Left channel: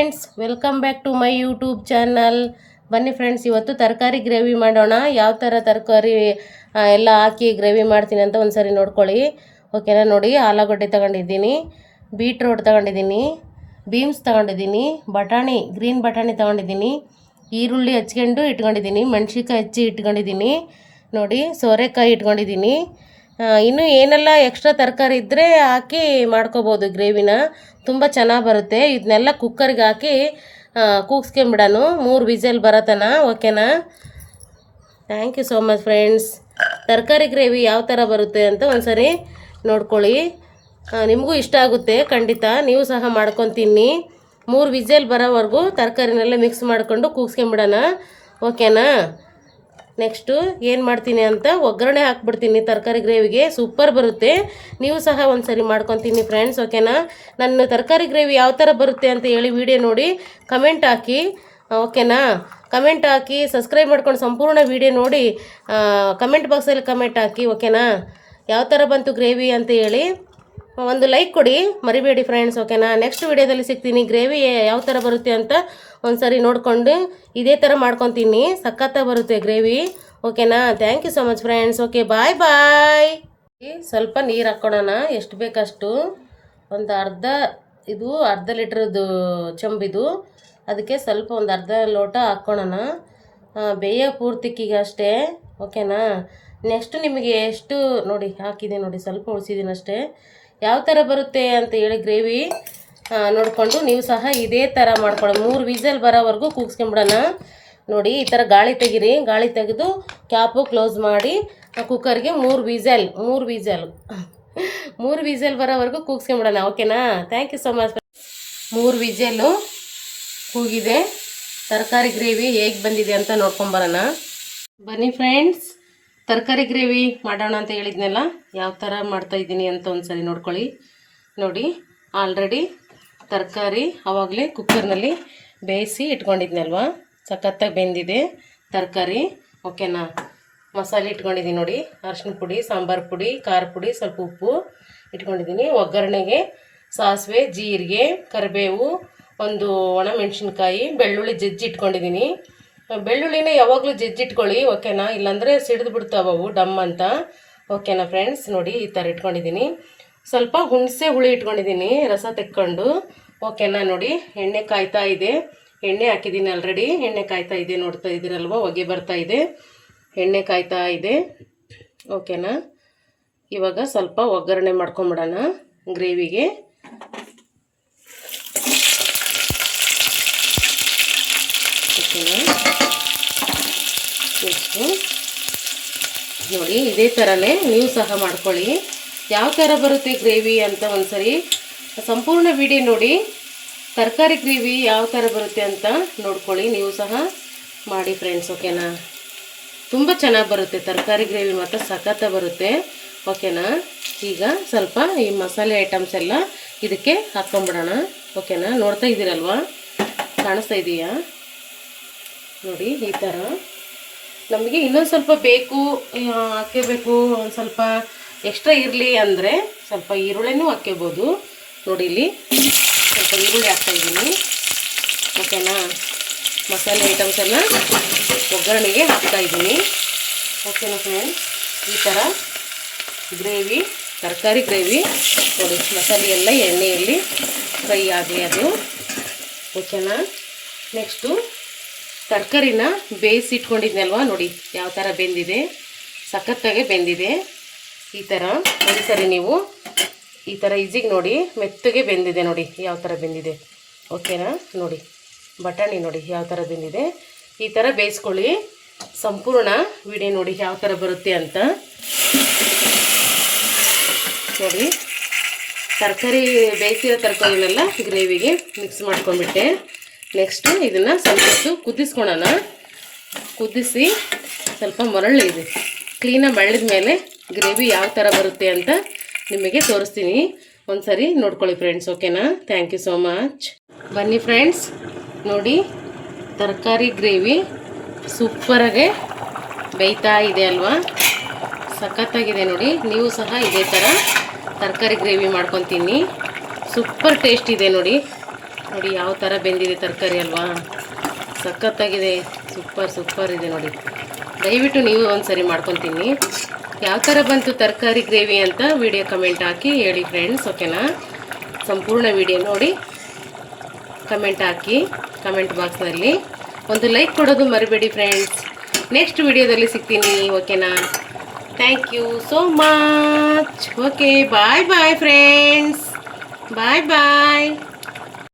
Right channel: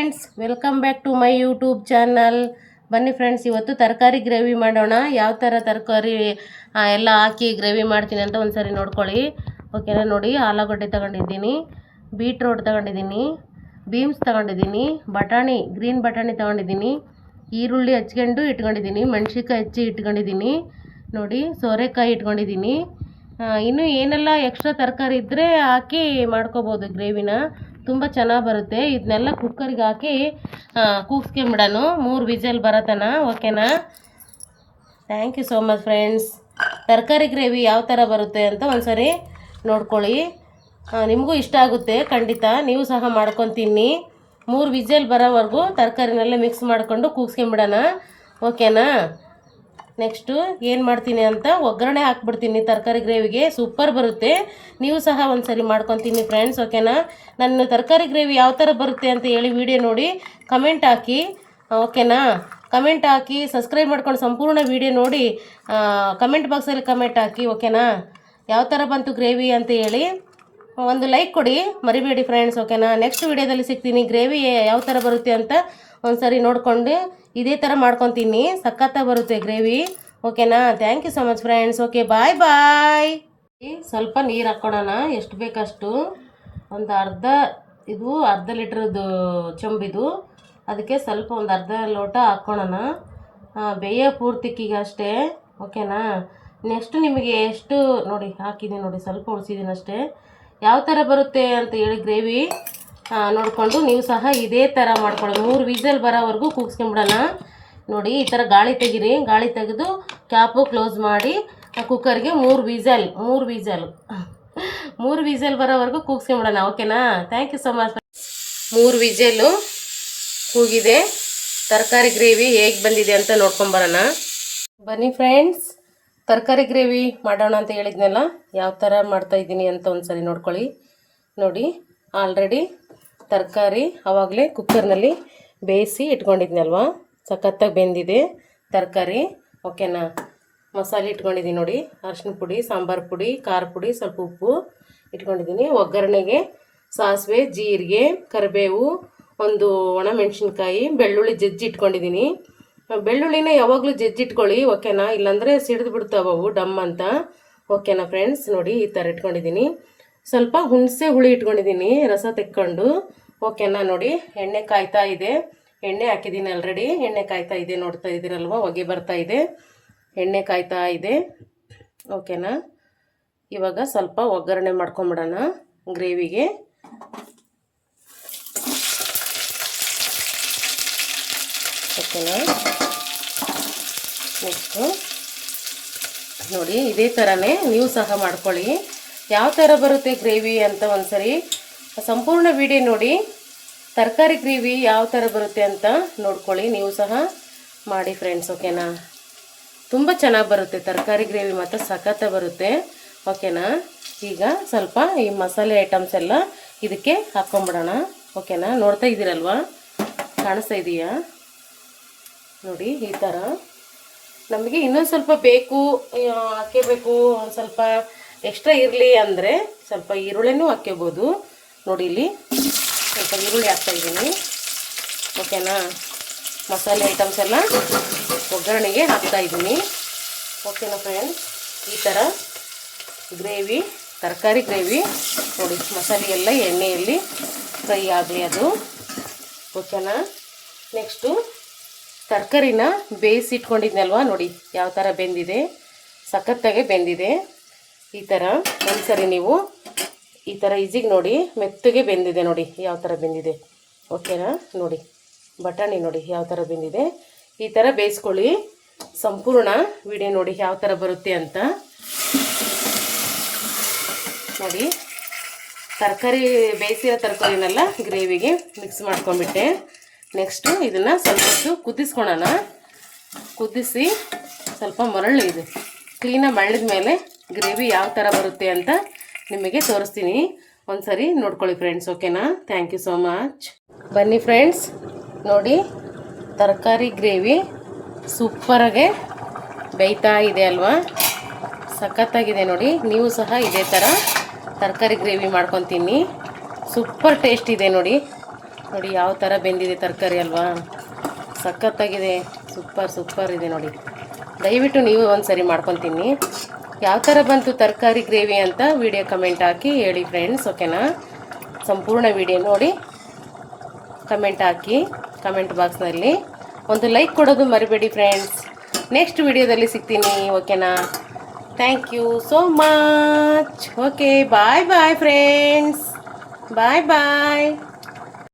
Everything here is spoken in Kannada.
Friends, welcome back to my YouTube channel. ಬನ್ನಿ ಫ್ರೆಂಡ್ಸ್, ಇವತ್ತು ತರಕಾರಿ ಗ್ರೇವಿ ಮಾಡೋಣ. ಯಾವ ಥರ ತರಕಾರಿ ಎಲ್ಲ ಹಾಕಿ ಗ್ರೇವಿ ಮಾಡ್ತೀನಿ ಅಂತ ಒಂದು ಸರಿ ನೋಡ್ಕೊಳ್ಳಿ. ಓಕೆನಾ? ನೋಡಿ, ಆಲೂಗಡ್ಡೆ ತಗೊಂಡಿದ್ದೀನಿ, ಬೀಟ್ರೋಟ್ ತಗೊಂಡಿದ್ದೀನಿ, ಬೀನ್ಸ್ ತಗೊಂಡಿದ್ದೀನಿ, ಬಟಾಣಿ ಗ್ರೀನ್ ಬಟಾಣಿ ತಗೊಂಡಿದ್ದೀನಿ, ಈರುಳ್ಳಿ ಹಚ್ಕೊಂಡು ಇಟ್ಕೊಂಡಿದ್ದೀನಿ, ಮೆಣಸಿನ್ಕಾಯಿ ಹಚ್ಚಿ ಇಟ್ಕೊಂಡಿದ್ದೀನಿ, ನೋಡಿ ಸೋರೆಕಾಯಿ ಇಟ್ಕೊಂಡಿದ್ದೀನಿ. ಇನ್ನೂ ಏನೆಲ್ಲ ಎಕ್ಸ್ಟ್ರಾ ತರಕಾರಿ ಇದ್ದರೆ ಹಾಕಿ ಮಾಡ್ಕೋಬೋದು ಗ್ರೇವಿನ, ತುಂಬ ಚೆನ್ನಾಗಿ ಬರುತ್ತೆ. ಇದನ್ನೆಲ್ಲ ಕುಕ್ಕರ್ಗೆ ಹಾಕಿ ಕೂಗಿಸ್ಕೊಂಬಿಡೋಣ 3 ವಿಸಲ್ ಬರತನ. ಓಕೆನಾ? Thank you so much friends. ತರಕಾರಿ ಗ್ರೇವಿ ಯಾವ ಥರ ಬರುತ್ತೆ ಅಂತ ಒಂದು ಸರಿ ನೋಡ್ಕೊಳ್ಳಿ. ನಿಮಗೂ ಇಷ್ಟ ಆಗುತ್ತೆ ಖಂಡಿತ, ನೀವು ಸಹ ಮಾಡ್ಕೊಂಡು ತಿನ್ನಿ. 3 ವಿಸಲ್ ಬರೋವರೆಗೂ ತರಕಾರಿನೆಲ್ಲ ಮಿಕ್ಸ್ ಮಾಡಿಕೊಂಡು ಕೂಗಿಸ್ಕೊಂಬಿಡೋಣ. ಓಕೆನಾ? ನೆಕ್ಸ್ಟು ಏನು ಮಾಡ್ತೀನಿ ಅಂತ ಒಗ್ಗರಣೆ ಹಾಕ್ಬಿಡ್ತೀನಿ ತರಕಾರಿ ಗ್ರೇವಿಗೆ. ಸೂಪರ್ ಬರುತ್ತೆ, ನೀವು ಸಹ ಒಂದು ಸರಿ ಮಾಡ್ಕೊತೀನಿ ಫ್ರೆಂಡ್ಸ್. ಓಕೆನಾ? ನನ್ನ ತರಕಾರಿ ಗ್ರೇವಿ ಯಾವ ಥರ ಬರುತ್ತೆ ಅಂತ ಹೇಳಿ ವಿಡಿಯೋ ನೋಡಿ ಕಮೆಂಟ್ ಹಾಕಿ. ಓಕೆನಾ? ಕಮೆಂಟ್ ಹಾಕಿ, ಸಬ್ಸ್ಕ್ರೈಬ್ ಮಾಡ್ಕೊಂಡು ಸಂಪೂರ್ಣ ವಿಡಿಯೋ ನೋಡಿ ಕಮೆಂಟ್ ಬಾಕ್ಸಲ್ಲಿ ಕಮೆಂಟ್ ಹಾಕಿ. ಓಕೆನಾ? ಯಾವ ಥರ ಬಂತು ಗ್ರೇವಿ ಅಂತ ಹೇಳಿ ಒಂದು ಲೈಕ್ ಕೊಡಿ, ಮರಿಬೇಡಿ ಫ್ರೆಂಡ್ಸ್. ಓಕೆನಾ? ನೆಕ್ಸ್ಟ್ ವಿಡಿಯೋದಲ್ಲಿ ಸಿಗ್ತೀನಿ. ಗ್ರೇವಿ ಯಾವ ಥರ ಬರುತ್ತೆ ಅಂತ ಒಂದು ಸರಿ ನೋಡಿಕೊಂಡು ಇದೇ ಥರ ಮಾಡ್ಕೊತೀನಿ, ಸಖತ್ತಾಗಿ ಬರುತ್ತೆ ಗ್ರೇವಿ. ಓಕೆನಾ? Thank you so much friends. Okay, bye bye. ಸ್ವಲ್ಪ ನೀರು ಹಾಕ್ಕೊಳ್ಳೋಣ, ಎಷ್ಟು ಬೇಕಷ್ಟು. ಒಂದು ಅರ್ಧ ಲೀಟ್ರದ್ದು ಚೆಂಬಿದು, ಅದಕ್ಕೆ ಸ್ವಲ್ಪ ಒಂದು ಅರ್ಧ ಲೋಟ ಹಾಕ್ಕೊಳ್ಳೋಣ. ಬೇಯ ಪೂರ್ತಿಕ್ಕಿಗೆ ಅಷ್ಟೇ. ಓಕೆನಾ? ನೆಕ್ಸ್ಟ್ ನಿಮಗೆ ಎಷ್ಟು ನೋಡಿ ಹಾಕಿದೆ ನೋಡಿ, ಸ್ವಲ್ಪ ಉಳಿಸಿದ್ದೀನಿ ಅಷ್ಟೇ. ಯಾವ ಥರ ಬರುತ್ತೆ ಅಂತ ಹೇಳಿ ಗ್ರೇವಿ ನೋಡಿಕೊಂಡು ನೀವು ಸಹ ಇದೇ ಥರ ಮಾಡ್ಕೊಳ್ಳಿ. 3 ವಿಸಲ್ ಬರೋವರೆಗೂ ಕೂಗಿಸ್ಕೊಂಬಿಡೋಣ. ನೋಡಿ, ಈ ಥರ ಗಾಳಿ ತೆಗೀರಿ. ಗಾಳಿ ತೆಗೆದು ಕ್ಯಾಪು ಕ್ಲೋಸ್ ಮಾಡಿ ಕುಕ್ಕರ್ಗೆ 3 ವಿಸಲ್ ಬರೋವರೆಗೂ ಕೂಗಿಸ್ಕೊಂಬಿಡೋಣ. ಓಕೆನಾ? Thank you so much. 3 whistle ಕೂಗಿದೆ. ತರಕಾರಿ ಗ್ರೇವಿ ಹೇಗೆ ಬಂದಿದೆ ಅಂತ ನೋಡ್ಕೊಂಬರೋಣ. ಬನ್ನಿ ಫ್ರೆಂಡ್ಸ್, ತರಕಾರಿ ಗ್ರೇವಿ ಮಾಡೋಣ ಅಂತ ಹೇಳಿದ್ನಲ್ಲ, ಯಾವ ಥರ ಮಾಡ್ತಾಯಿದ್ದೀನಿ ಅಂತ ಒಂದು ಸರಿ ನೋಡ್ಕೊಳ್ಳಿ. ನೋಡಿ, ಆಲ್ರೆಡಿ ತರಕಾರಿ ಆವಾಗಲೇ ಕುಕ್ಕರ್ನಲ್ಲಿ ಬೇಯಿಸಿ ಇಟ್ಕೊಂಡಿದ್ನಲ್ವ, ಸಖತ್ತಾಗಿ ಬೆಂದಿದೆ ತರಕಾರಿ. ಓಕೆನಾ? ಮಸಾಲೆ ಇಟ್ಕೊಂಡಿದ್ದೀನಿ ನೋಡಿ, ಅರಿಶಿನ ಪುಡಿ, ಸಾಂಬಾರು ಪುಡಿ, ಖಾರ ಪುಡಿ, ಸ್ವಲ್ಪ ಉಪ್ಪು ಇಟ್ಕೊಂಡಿದ್ದೀನಿ. ಒಗ್ಗರಣೆಗೆ ಸಾಸಿವೆ, ಜೀರಿಗೆ, ಕರಿಬೇವು, ಒಂದು ಒಣಮೆಣಸಿನ್ಕಾಯಿ, ಬೆಳ್ಳುಳ್ಳಿ ಜಜ್ಜಿ ಇಟ್ಕೊಂಡಿದ್ದೀನಿ. ಬೆಳ್ಳುಳ್ಳಿನ ಯಾವಾಗಲೂ ಜಜ್ಜಿಟ್ಕೊಳ್ಳಿ. ಓಕೆನಾ? ಇಲ್ಲಾಂದರೆ ಸಿಡಿದು ಬಿಡ್ತಾವವು ಡಮ್ ಅಂತ. ಓಕೆನಾ ಫ್ರೆಂಡ್ಸ್? ನೋಡಿ, ಈ ಥರ ಇಟ್ಕೊಂಡಿದ್ದೀನಿ. ಸ್ವಲ್ಪ ಹುಣಸೆ ಹುಳಿ ಇಟ್ಕೊಂಡಿದ್ದೀನಿ, ರಸ ತೆಕ್ಕೊಂಡು. ಓಕೆನಾ? ನೋಡಿ, ಎಣ್ಣೆ ಕಾಯ್ತಾ ಇದೆ. ಎಣ್ಣೆ ಹಾಕಿದ್ದೀನಿ ಆಲ್ರೆಡಿ, ಎಣ್ಣೆ ಕಾಯ್ತಾ ಇದೆ. ನೋಡ್ತಾ ಇದ್ದೀರಲ್ವ, ಹೊಗೆ ಬರ್ತಾ ಇದೆ, ಎಣ್ಣೆ ಕಾಯ್ತಾ ಇದೆ. ಓಕೆನಾ? ಇವಾಗ ಸ್ವಲ್ಪ ಒಗ್ಗರಣೆ ಮಾಡ್ಕೊಂಬಿಡೋಣ ಗ್ರೇವಿಗೆ. ಓಕೆನಾ? ನೆಕ್ಸ್ಟು ನೋಡಿ, ಇದೇ ಥರನೇ ನೀವು ಸಹ ಮಾಡ್ಕೊಳ್ಳಿ. ಯಾವ ಥರ ಬರುತ್ತೆ ಗ್ರೇವಿ ಅಂತ ಒಂದು ಸರಿ ಸಂಪೂರ್ಣ ವಿಡಿಯೋ ನೋಡಿ. ತರಕಾರಿ ಗ್ರೇವಿ ಯಾವ ಥರ ಬರುತ್ತೆ ಅಂತ ನೋಡ್ಕೊಳ್ಳಿ, ನೀವು ಸಹ ಮಾಡಿ ಫ್ರೆಂಡ್ಸ್. ಓಕೆನಾ? ತುಂಬ ಚೆನ್ನಾಗಿ ಬರುತ್ತೆ ತರಕಾರಿ ಗ್ರೇವಿ, ಮಾತ್ರ ಸಖತ್ತಾಗಿ ಬರುತ್ತೆ. ಓಕೆನಾ? ಈಗ ಸ್ವಲ್ಪ ಈ ಮಸಾಲೆ ಐಟಮ್ಸ್ ಎಲ್ಲ ಇದಕ್ಕೆ ಹಾಕ್ಕೊಂಬಿಡೋಣ. ಓಕೆನಾ? ನೋಡ್ತಾ ಇದ್ದೀರಲ್ವ, ಕಾಣಿಸ್ತಾ ಇದೆಯಾ? ನೋಡಿ, ಈ ಥರ ನಮಗೆ ಇನ್ನೊಂದು ಸ್ವಲ್ಪ ಬೇಕು, ಹಾಕಬೇಕು, ಒಂದು ಸ್ವಲ್ಪ ಎಕ್ಸ್ಟ್ರಾ ಇರಲಿ ಅಂದರೆ ಸ್ವಲ್ಪ ಈರುಳ್ಳಿನೂ ಹಾಕ್ಕೋಬೋದು. ನೋಡಿ, ಇಲ್ಲಿ ಸ್ವಲ್ಪ ಈರುಳ್ಳಿ ಹಾಕ್ತಾಯಿದ್ದೀನಿ. ಓಕೆನಾ? ಮಸಾಲೆ ಐಟಮ್ಸ್ ಎಲ್ಲ ಒಗ್ಗರಣೆಗೆ ಹಾಕ್ತಾಯಿದ್ದೀನಿ. ಓಕೆನಾ ಫ್ರೆಂಡ್ಸ್? ಈ ಥರ ಗ್ರೇವಿ, ತರಕಾರಿ ಗ್ರೇವಿ ನೋಡಿ, ಮಸಾಲೆ ಎಲ್ಲ ಎಣ್ಣೆಯಲ್ಲಿ ಫ್ರೈ ಆಗಲಿ ಅದು. ಓಕೆನಾ? ನೆಕ್ಸ್ಟು ತರಕಾರಿನ ಬೇಯಿಸಿ ಇಟ್ಕೊಂಡಿದ್ನಲ್ವ, ನೋಡಿ ಯಾವ ಥರ ಬೆಂದಿದೆ, ಸಖತ್ತಾಗೆ ಬೆಂದಿದೆ. ಈ ಥರ ಒಂದು ಸರಿ ನೀವು ಈ ಥರ ಈಜಿಗೆ ನೋಡಿ, ಮೆತ್ತಗೆ ಬೆಂದಿದೆ. ನೋಡಿ ಯಾವ ಥರ ಬೆಂದಿದೆ. ಓಕೆನಾ? ನೋಡಿ, ಬಟಾಣಿ ನೋಡಿ ಯಾವ ಥರ ಬೆಂದಿದೆ. ಈ ಥರ ಬೇಯಿಸ್ಕೊಳ್ಳಿ. ಸಂಪೂರ್ಣ ವಿಡಿಯೋ ನೋಡಿ ಯಾವ ಥರ ಬರುತ್ತೆ ಅಂತ. ನೋಡಿ, ತರಕಾರಿ ಬೇಯಿಸಿರೋ ತರಕಾರಿನೆಲ್ಲ ಗ್ರೇವಿಗೆ ಮಿಕ್ಸ್ ಮಾಡ್ಕೊಂಡ್ಬಿಟ್ಟೆ. ನೆಕ್ಸ್ಟು ಇದನ್ನು ಸ್ವಲ್ಪ ಹೊತ್ತು ಕುದಿಸ್ಕೊಳೋಣ. ಕುದಿಸಿ ಸ್ವಲ್ಪ ಮರಳಿದೆ, ಕ್ಲೀನಾಗಿ ಮರಳಿದ ಮೇಲೆ ಗ್ರೇವಿ ಯಾವ ಥರ ಬರುತ್ತೆ ಅಂತ ನಿಮಗೆ ತೋರಿಸ್ತೀನಿ. ಒಂದು ಸರಿ ನೋಡ್ಕೊಳ್ಳಿ ಫ್ರೆಂಡ್ಸ್. ಓಕೆನಾ? Thank you so much. ಬನ್ನಿ ಫ್ರೆಂಡ್ಸ್, ನೋಡಿ ತರಕಾರಿ ಗ್ರೇವಿ ಸೂಪರಾಗೆ ಬೇಯ್ತಾ ಇದೆ ಅಲ್ವಾ, ಸಖತ್ತಾಗಿದೆ. ನೋಡಿ, ನೀವು ಸಹ ಇದೇ ಥರ ತರಕಾರಿ ಗ್ರೇವಿ ಮಾಡ್ಕೊತೀನಿ, ಸೂಪರ್ ಟೇಸ್ಟ್ ಇದೆ ನೋಡಿ. ನೋಡಿ ಯಾವ ಥರ ಬೆಂದಿದೆ ತರಕಾರಿ ಅಲ್ವಾ, ಸಖತ್ತಾಗಿದೆ, ಸೂಪರ್ ಇದೆ ನೋಡಿ. ದಯವಿಟ್ಟು ನೀವು ಒಂದು ಸರಿ ಮಾಡ್ಕೊತೀನಿ. ಯಾವ ಥರ ಬಂತು ತರಕಾರಿ ಗ್ರೇವಿ ಅಂತ ವಿಡಿಯೋ ಕಮೆಂಟ್ ಹಾಕಿ ಹೇಳಿ ಫ್ರೆಂಡ್ಸ್, ಓಕೆನಾ. ಸಂಪೂರ್ಣ ವಿಡಿಯೋ ನೋಡಿ ಕಮೆಂಟ್ ಹಾಕಿ, ಕಮೆಂಟ್ ಬಾಕ್ಸ್ನಲ್ಲಿ ಒಂದು ಲೈಕ್ ಕೊಡೋದು ಮರಿಬೇಡಿ ಫ್ರೆಂಡ್ಸ್. ನೆಕ್ಸ್ಟ್ ವಿಡಿಯೋದಲ್ಲಿ ಸಿಗ್ತೀನಿ, ಓಕೆನಾ. Thank you so much. Okay, bye bye friends, bye bye.